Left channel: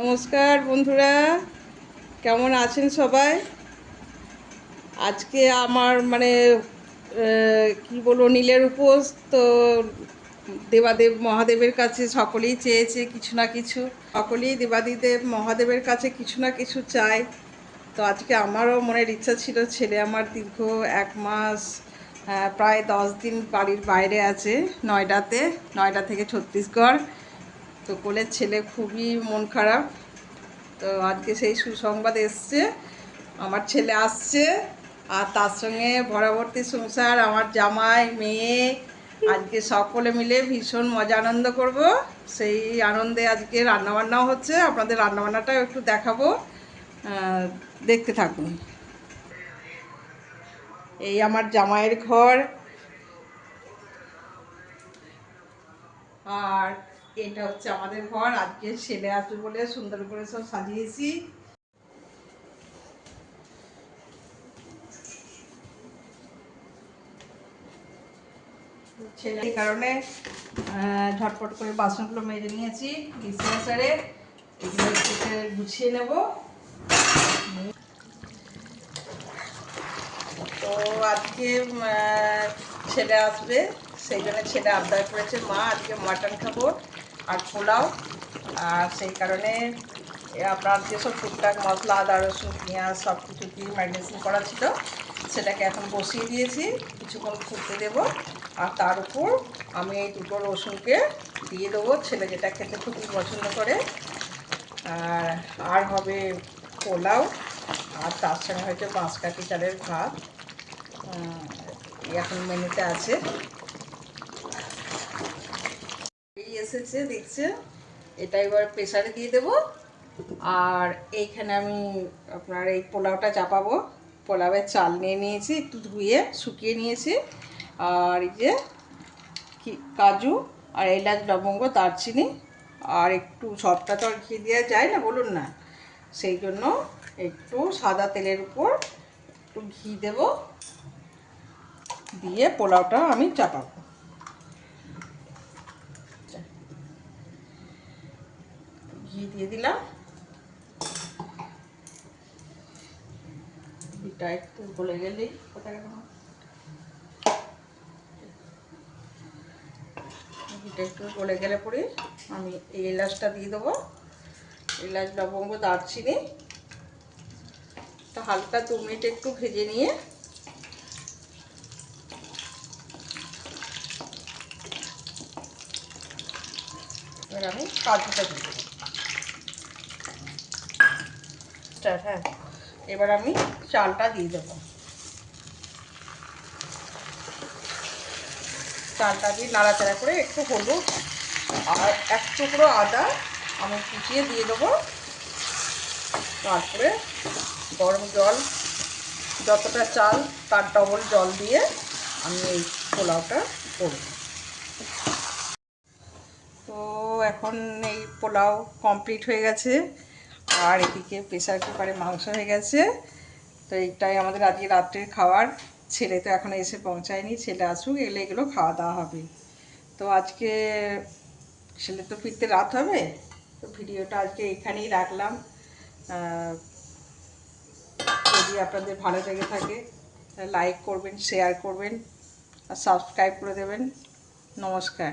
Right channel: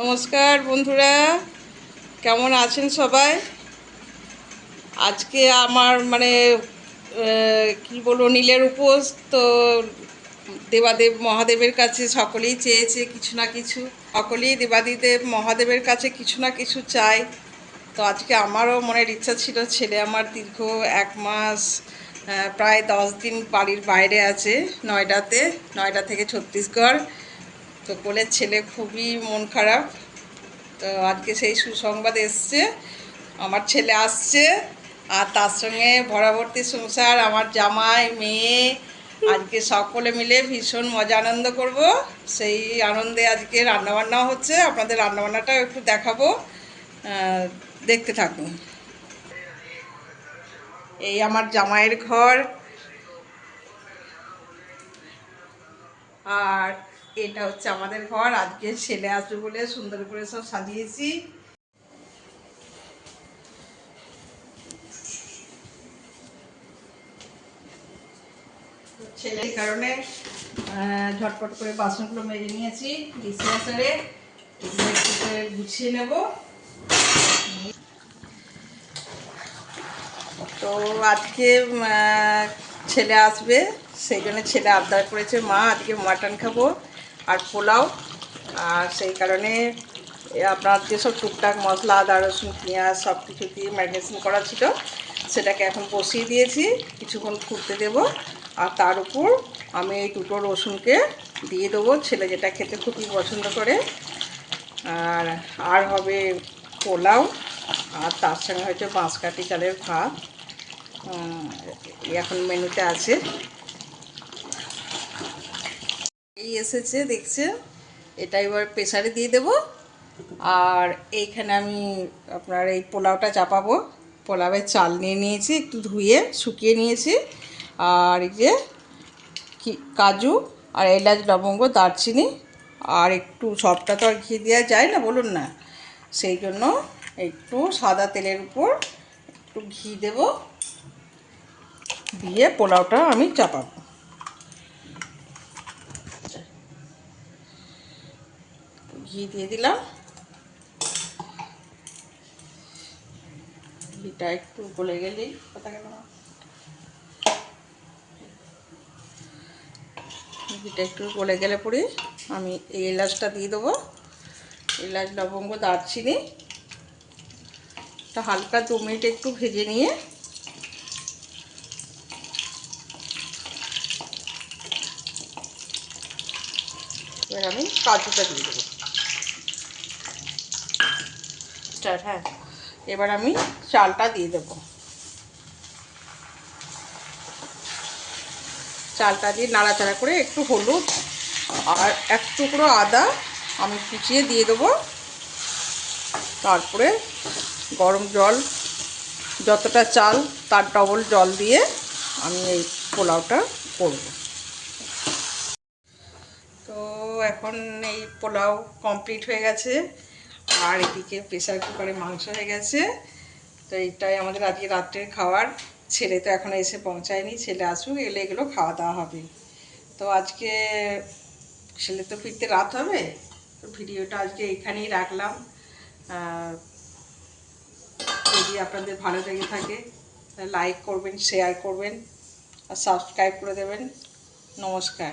নমস্কার বন্ধুরা, কেমন আছেন সবাই? আজকে আমার কি বলবো, নীলের উপোস তো। দেবাদেব মহাদেবের কাছে সকলেই চেয়েছে কিছু না কিছু, সকলেই দেবাদিদেব মহাদেবের কাছে কিছু না কিছু চায়। তো আজকে আমারও মনের ইচ্ছা ছিল, ছেলে আমার দীর্ঘ 1 মাস প্রায় 10 দিন বাড়ির বাইরে আছে, নয়ডা থেকে ছত্তিশগড়। তো কোলের ছেলে খুবই মন খারাপ। তো আজকে সেই সুসংবাদ এসছে, আমার ছেলে আসছে, আর তার সঙ্গে ভরাভর্তি সংসার, আমার জামাই, মেয়ে, আজকে সকলে মিলে ভীষণ মজা আনন্দ করব। সেই আনন্দে আজকে রান্নাবান্নাও হচ্ছে, আপনাদের রান্নাবান্নাটাও একটু দেখাবো, দেখতে থাকুন। এই আমার জামাইয়ের ঘর, আর এটা হচ্ছে আমাদের ঘর। আজকে ছেলে আসবে বলে সুন্দর করে সব সাজিয়েছি। ছেলের কারণে ঝটপট করে বাসনগুলো মেজে নিয়েছি ডিসপেন্সারে, এগুলো একটু গুছিয়ে নেব। তো আজকে ছেলে আসবে, সেই জন্য ছেলে আবদার করেছে, মা আজকে মাটন খাবো আর পোলাও। আর সেই কারণে আপনার যেসব টুকটাক মশলা, আদা রসুন পেঁয়াজ সব কিছু দিয়ে ম্যারিনেশন করা ছিল, সেটাকে এখন বসিয়ে দিয়েছি, কিছুক্ষণ ফুটতে দেব। আর তার উপর আমি এই দুটো রসুনকে দিয়ে দেবো, ছেলে যেটা খেতে খুবই পছন্দ করে। আর হবে পোলাও, আর তার সঙ্গে হয়তো বাঁশকাঠি চালের ভাত এখন মেনুতে আছে। এই এসেছে দেখছে, এটা এবার প্রেসারে দিয়ে দেব। আর এইখানে আমি আপনার এই পোলাওটা চাপাবো। পোলাওয়ের চাল নিয়ে নিয়েছি, একটু ধুয়ে শুকিয়ে নিয়েছি। আর এই যে কাজু আর এলাচ, লবঙ্গ, দারচিনি, আর একটু সবটা তো আর ঘি দেওয়া যায় না, বলুন না, সেই জন্য একটু সাদা তেলের উপর একটু ঘি দেব, দিয়ে পোলাওটা আমি চাপাবো। ঘি দিয়ে দিলাম, ঘিটা একটু গলে গেলেই ঘিটা একটু গলে গেলে পরে আমি এই এলাচটা দিয়ে দেবো। এলাচ, লবঙ্গ, দারচিনি হালকা 2 মিনিট একটু ভেজে নিয়ে এবার আমি কাজুটা দিয়ে দেবো। হ্যাঁ, এবার আমি চালটা দিয়ে দেবো। চালটা দিয়ে নাড়াচাড়া করে একটু হলুদ আর 1 টুকরো আদা আমি কুচিয়ে দিয়ে দেবো। তারপরে গরম জল, যতটা চাল তার ডবল জল দিয়ে আমি এই পোলাওটা করব। তো এখন এই পোলাও কমপ্লিট হয়ে গেছে, আর এদিকে প্রেসার কুকারে মাংস হয়ে গেছে। তো এইটাই আমাদের আজকে রাত্রের খাবার। ছেলে তো এখন এসে পৌঁছায়নি, ছেলে আসুক, এলে এগুলো খাওয়া দাওয়া হবে। তো আজকে ছেলে তো ফিরতে রাত হবে, তো ভিডিওটা আজকে এখানেই রাখলাম। যদি আপনাদের ভালো লেগে থাকে লাইক করবেন, শেয়ার করবেন আর সাবস্ক্রাইব করে দেবেন। নমস্কার।